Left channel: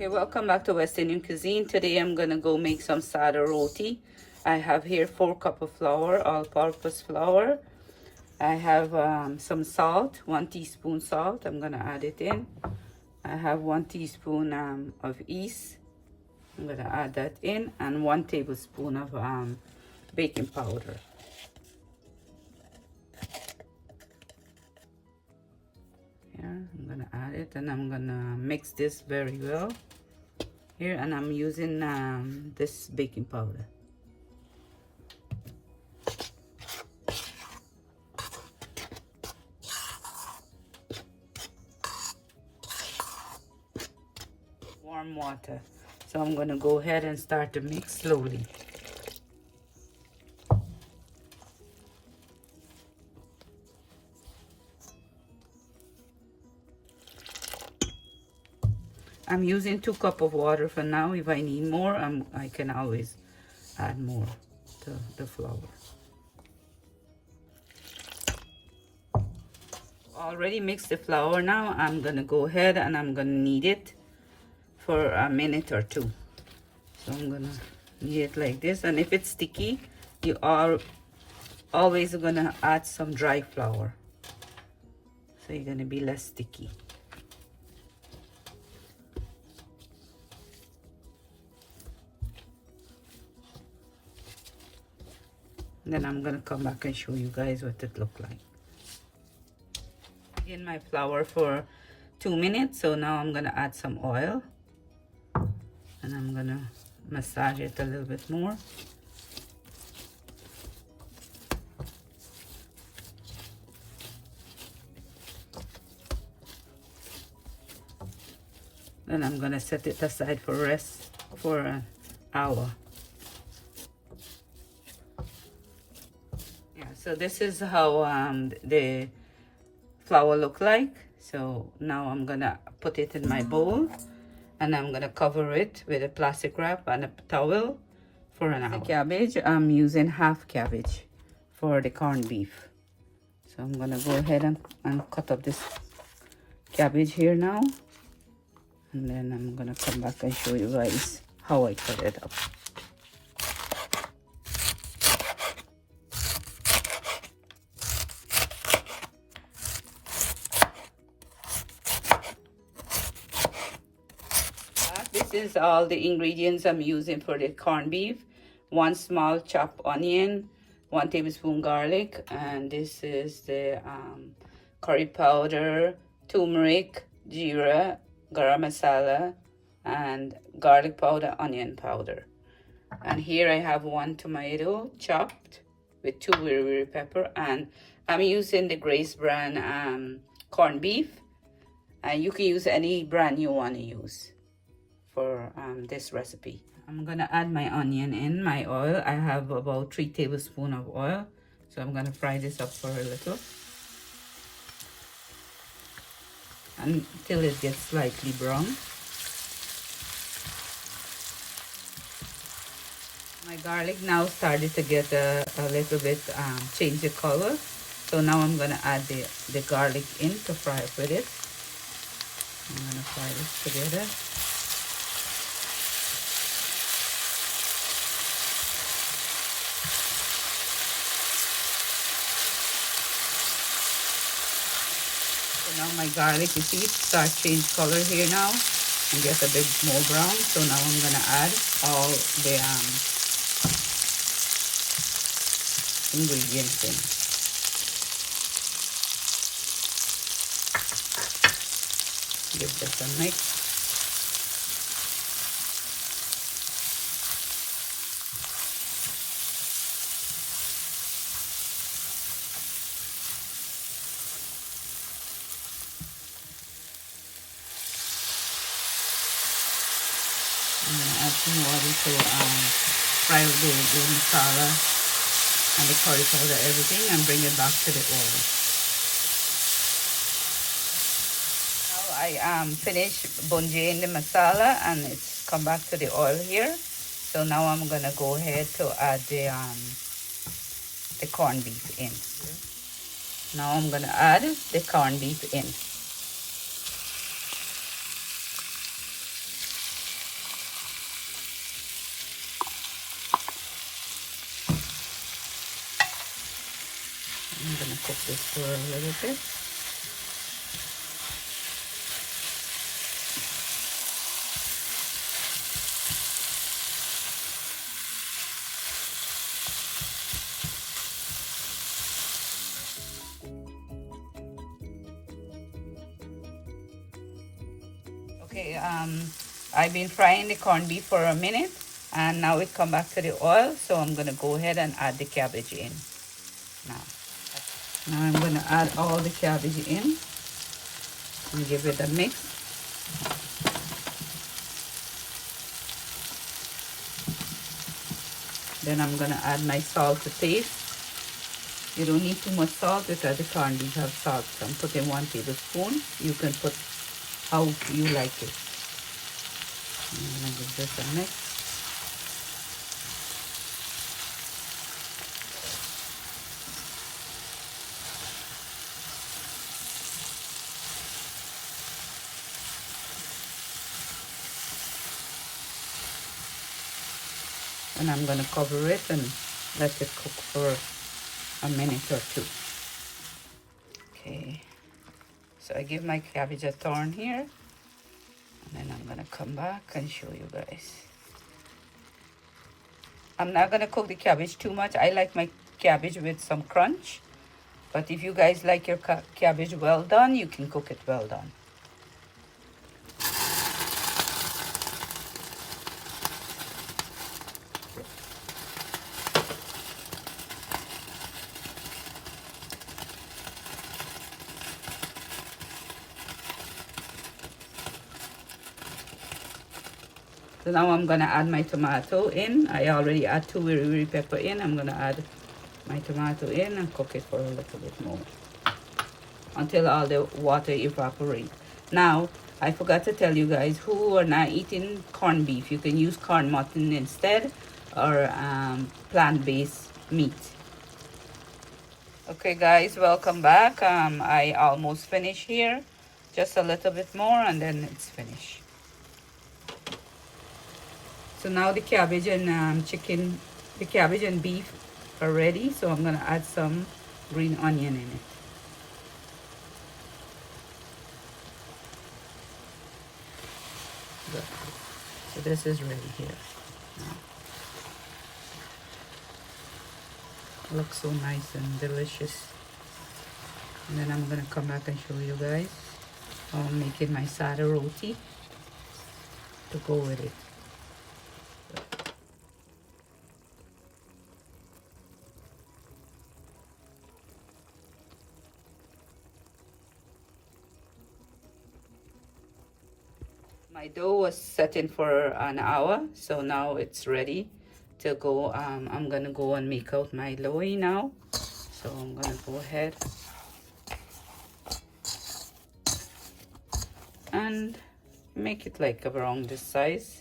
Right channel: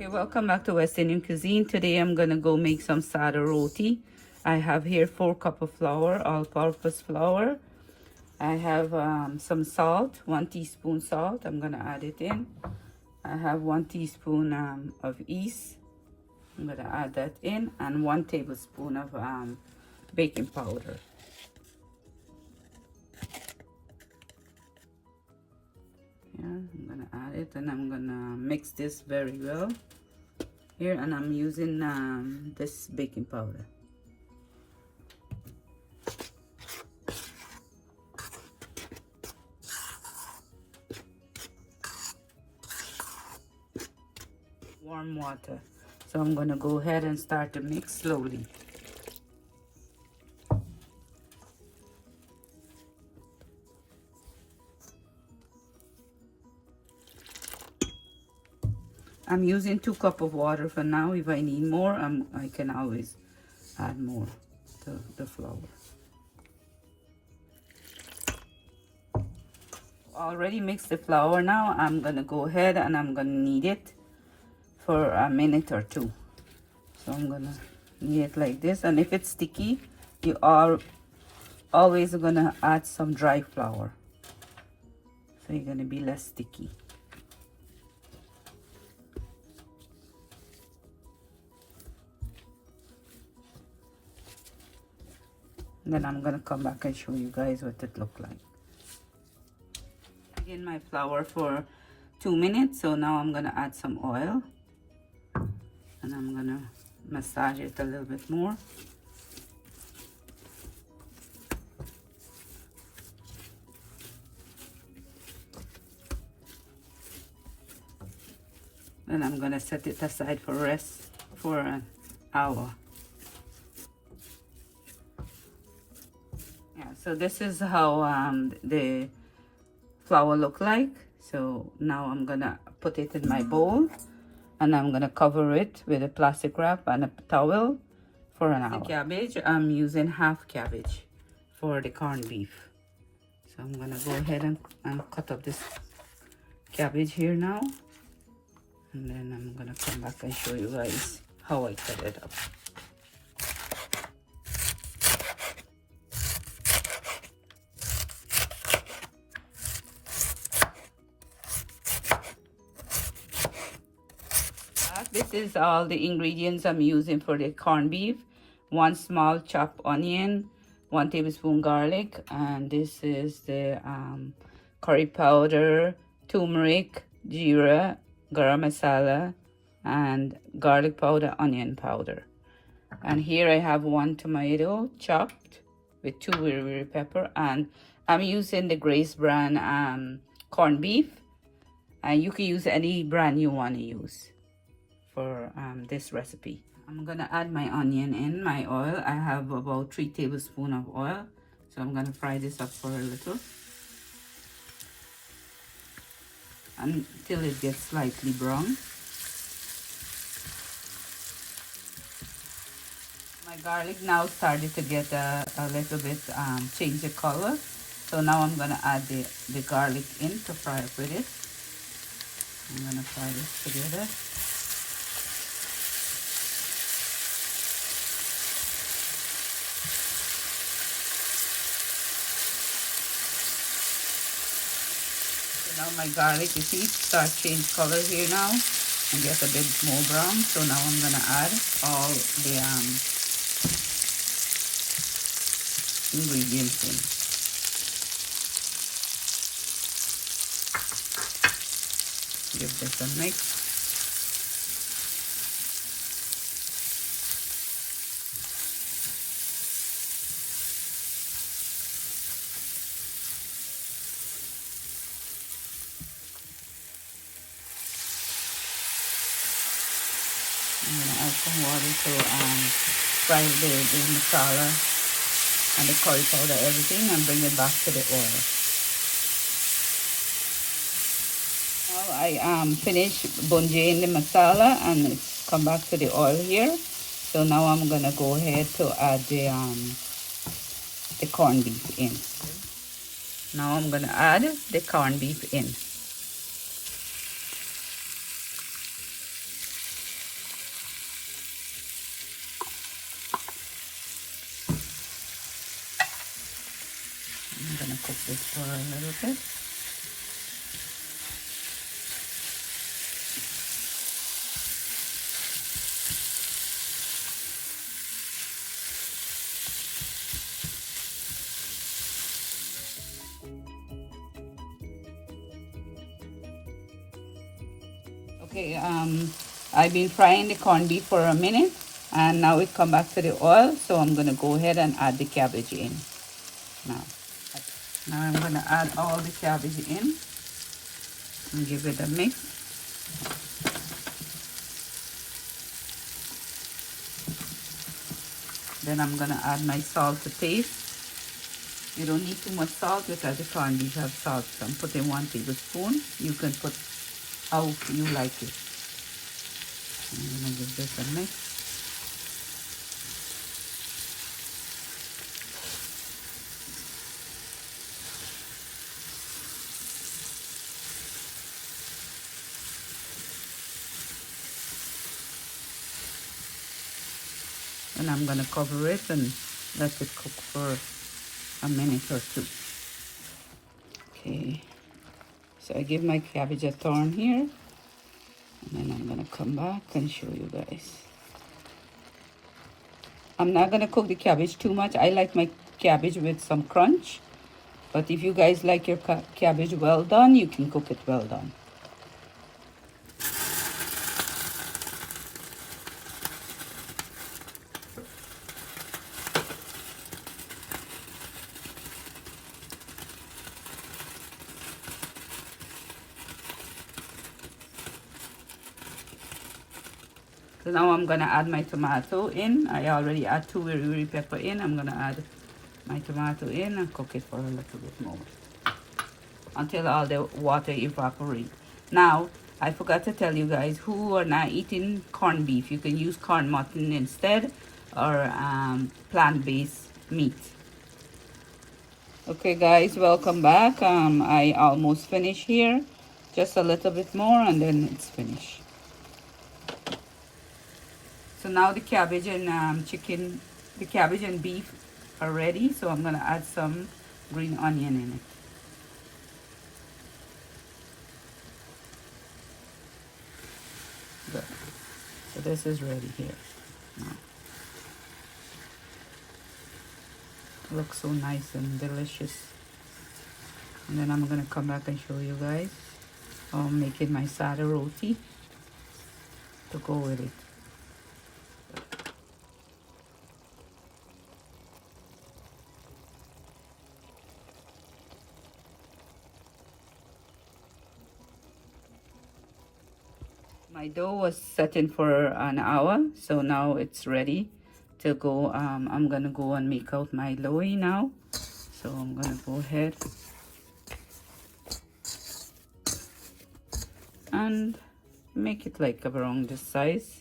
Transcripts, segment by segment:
Okay, welcome back to West Indian Cuisine. Today I'm gonna go make some Sada roti. I have here 4 cups of flour, all-purpose flour. I have some salt, 1 teaspoon salt. I'm gonna add it in. I have 1 teaspoon of yeast. I'm gonna add that in, and 1 tablespoon of baking powder. Here, I'm gonna add it, and I'm gonna mix this very well. Here, and I'm using this baking powder. Warm water. So I'm gonna go ahead and start to mix slowly. I'm using 2 cups of water for now. If I need more, I can always add more to the flour. Already mixed the flour now. I'm gonna go ahead and I'm gonna knead it for a minute or 2. So I'm gonna knead it like this, and if it's sticky, you are always gonna add some dry flour, so you're gonna be less sticky. Then I'm gonna come back and show you guys what it look like. In my flour for 2 minutes, so now I'm gonna add some oil, and I'm gonna massage it a little bit more. Then I'm gonna set it aside for rest for an hour. So this is how the flour look like. So now I'm gonna put it in my bowl, and I'm gonna cover it with a plastic wrap and a towel for an hour. The cabbage, I'm using half cabbage for the corned beef. So I'm gonna go ahead and cut up this cabbage here now, and then I'm gonna come back and show you guys how I cut it up. This is all the ingredients I'm using for the corned beef. 1 small chopped onion, 1 tablespoon garlic, and this is the curry powder, turmeric, jeera, garam masala, and garlic powder, onion powder. And here I have 1 tomato chopped with 2 very pepper, and I'm using the Grace brand corned beef, and you can use any brand you want to use for this recipe. I'm gonna add my onion in my oil. I have about 3 tablespoons of oil, so I'm gonna fry this up for a little until it gets slightly brown. My garlic now started to get a little bit change the color, so now I'm gonna add the garlic in to fry up with it. I'm gonna fry this together. Now my garlic, you see, it starts change color here now and get a bit more brown. So now I'm gonna add all the ingredients in. Give this a mix. I'm gonna add some water to fry the masala and the curry powder, everything, and bring it back to the oil. Now I finished bunjing the masala, and it's come back to the oil here. So now I'm gonna go ahead to add the corned beef in. Now I'm gonna add the corned beef in. cook this for a little bit. Okay, I've been frying the corned beef for a minute, and now it come back to the oil, so I'm gonna go ahead and add the cabbage in. Now I'm gonna add all the cabbage in and give it a mix. Then I'm gonna add my salt to taste. You don't need too much salt because the corned beef has salt. So I'm putting 1 tablespoon. You can put how you like it. And give this a mix. And I'm going to cover it and let it cook for a minute or two. Okay, so I give my cabbage a turn here, and then I'm going to come back and show you guys. I'm not going to cook the cabbage too much. I like my cabbage with some crunch, but if you guys like your cabbage well done, you can cook it well done. So now I'm gonna add my tomato in. I already add 2 wiri pepper in. I'm gonna add my tomato in and cook it for a little bit more until all the water evaporates. Now, I forgot to tell you guys who are not eating corned beef. You can use corn mutton instead, or plant-based meat. Okay guys, welcome back. I almost finished here. Just a little bit more and then it's finished. So now the cabbage and chicken, the cabbage and beef are ready. So I'm gonna add some green onion in it. Good. So this is ready here. Looks so nice and delicious. And then I'm gonna come back and show you guys how I'm making my Sada roti to go with it. My dough was setting for an hour, so now it's ready to go. I'm gonna go and make out my loaf now. So I'm gonna go ahead and make it like around this size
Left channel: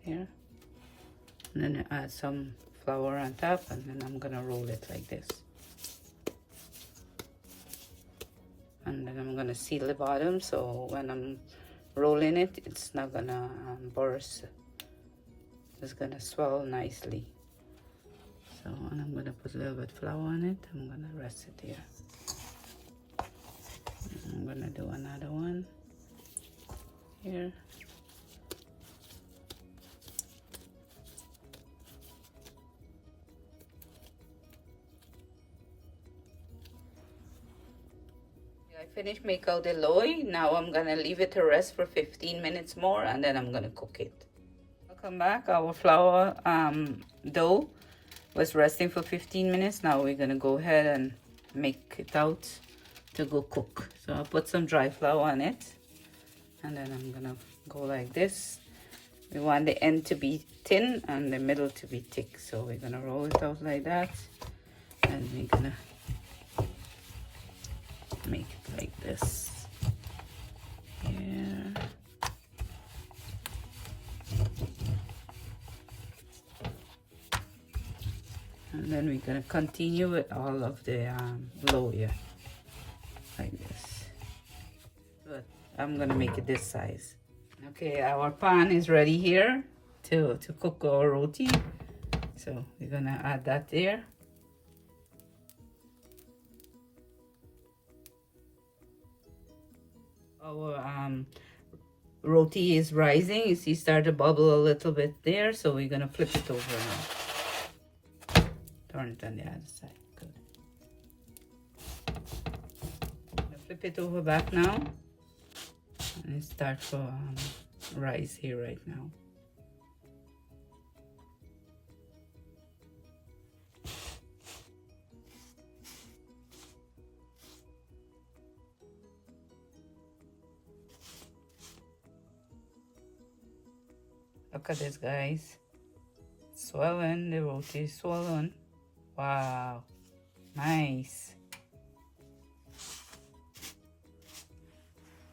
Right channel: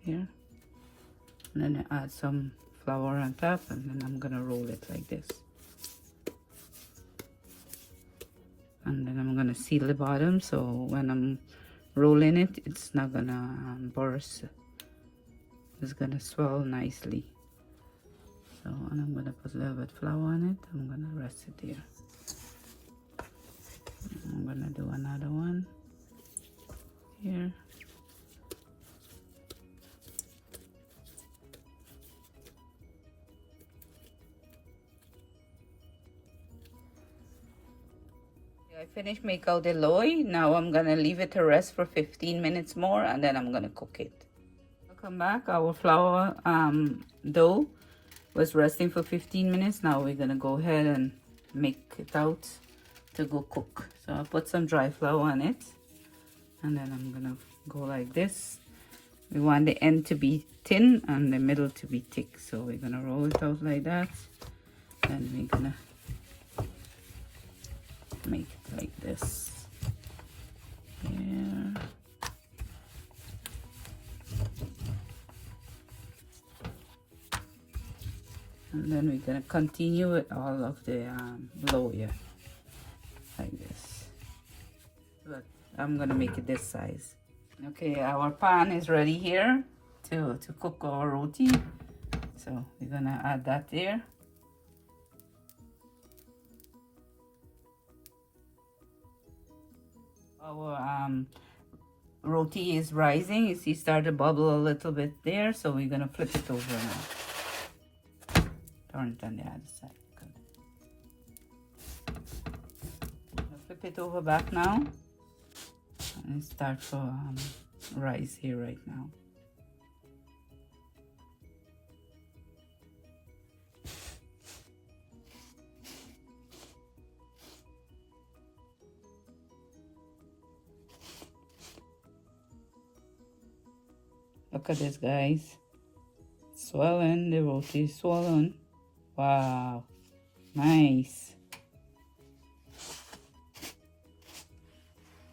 here, and then add some flour on top, and then I'm gonna roll it like this. And then I'm gonna seal the bottom, so when I'm rolling it, it's not gonna burst. It's gonna swell nicely. So, and I'm gonna put a little bit of flour on it. I'm gonna rest it here. I'm gonna do another one here. Finish make out the loaf. Now I'm gonna leave it to rest for 15 minutes more, and then I'm gonna cook it. Welcome back. Our flour dough was resting for 15 minutes. Now we're gonna go ahead and make it out to go cook. So I'll put some dry flour on it, and then I'm gonna go like this. We want the end to be thin and the middle to be thick, so we're gonna roll it out like that, and we're gonna make it like this here. And then we're gonna continue with all of the dough here like this, but I'm gonna make it this size. Okay, our pan is ready here to cook our roti, so we're gonna add that there. Our roti is rising. You see, start to bubble a little bit there, so we're gonna flip it over now. Turn it on the other side. Good. Flip it over back now, and start to rise here right now. Look at this, guys. Swollen, the roti is swollen. Wow, nice.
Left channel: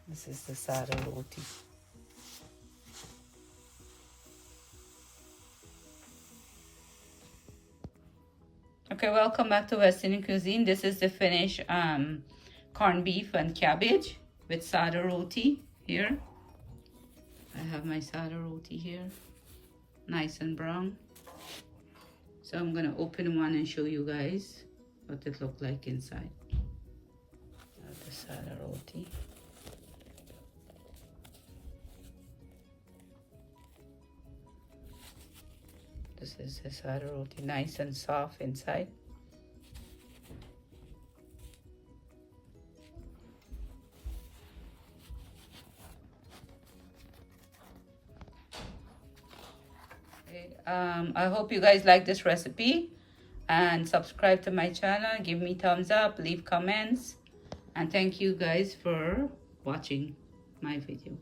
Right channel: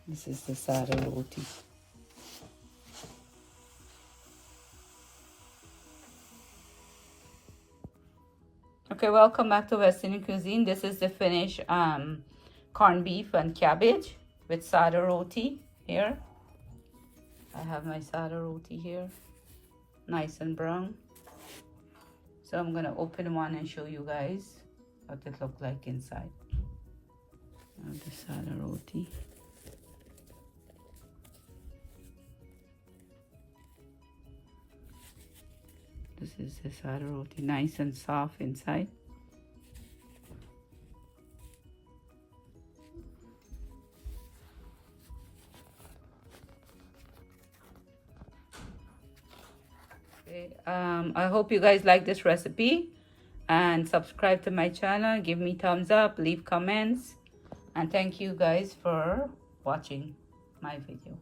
This is the Sada roti. Okay, welcome back to West Indian cuisine. This is the finished corned beef and cabbage with Sada roti here. I have my Sada roti here, nice and brown. So I'm gonna open one and show you guys what it looks like inside. The Sada roti. This is the Sada roti, nice and soft inside. I hope you guys like this recipe, and subscribe to my channel, give me thumbs up, leave comments, and thank you guys for watching my video.